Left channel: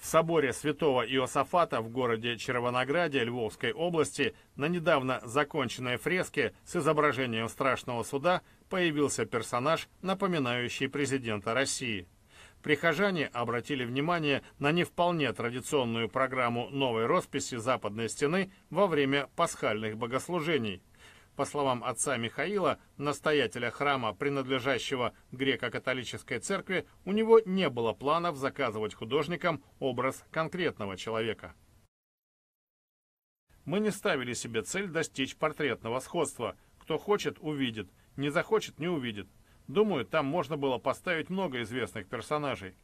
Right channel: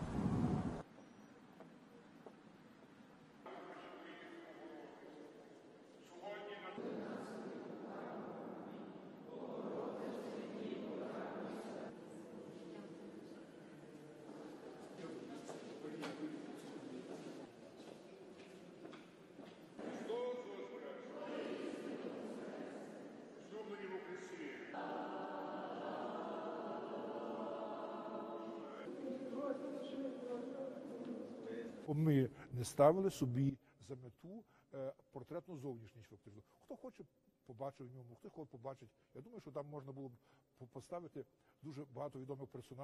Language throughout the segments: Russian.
В соборе святого Иосафата в городе Червонограде Львовской области на недавно законченной фреске с изображением страшного суда появился персонаж, напоминающий президента России. Прихожане обратили внимание на не вполне традиционную программу новой росписи Западной стены во время пасхальных богослужений. По словам отца Михаила, настоятеля храма, принадлежащего греко-католической церкви, у него не было планов заказывать художникам образ конкретного человека. Мы не ставили себе цель достичь портретного сходства. Кто хочет, увидит. Не захочет, не увидит. Думаю, там можно было поставить много известных персонажей.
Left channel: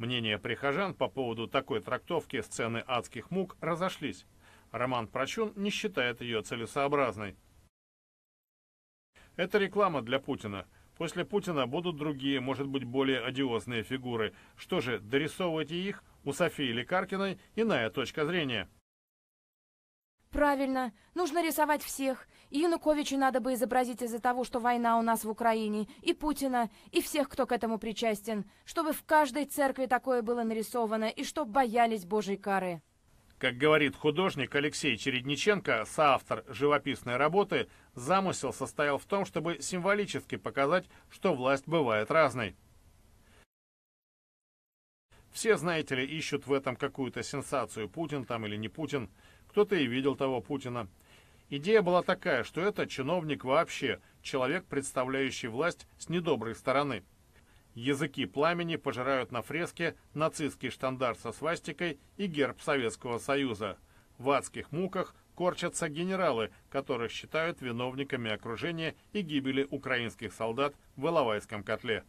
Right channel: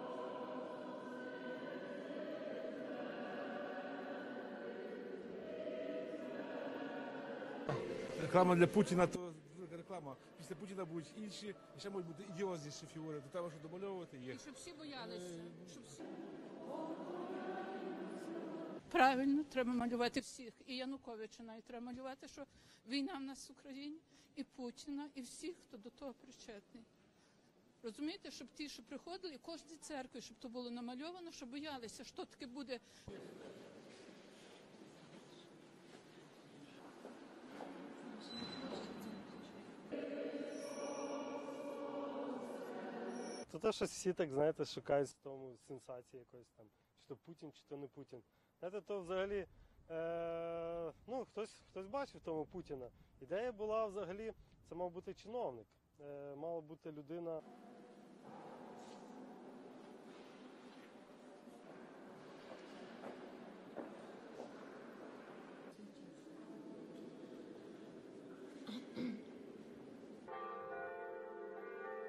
Мнения прихожан по поводу такой трактовки сцены адских мук разошлись. Роман Прочун не считает ее целесообразной. Реклама для Путина. Это реклама для Путина. После Путина будут другие, может быть, более одиозные фигуры. Что же, дорисовывайте их? У Софии Лекаркиной иная точка зрения. Правильно. Нужно рисовать всех. И Януковича надо бы изобразить из-за того, что война у нас в Украине, и Путина, и всех, кто к этому причастен. Чтобы в каждой церкви такое было нарисовано, и чтоб боялись Божьей кары. Как говорит художник Алексей Чередниченко, соавтор живописной работы, замысел состоял в том, чтобы символически показать, что власть бывает разной. Все, знаете ли, ищут в этом какую-то сенсацию, Путин там или не Путин. Кто-то и видел того Путина. Идея была такая, что это чиновник вообще, человек, представляющий власть с недоброй стороны. Языки пламени пожирают на фреске нацистский штандарт со свастикой и герб Советского Союза. В адских муках корчатся генералы, которых считают виновниками окружения и гибели украинских солдат в Иловайском котле.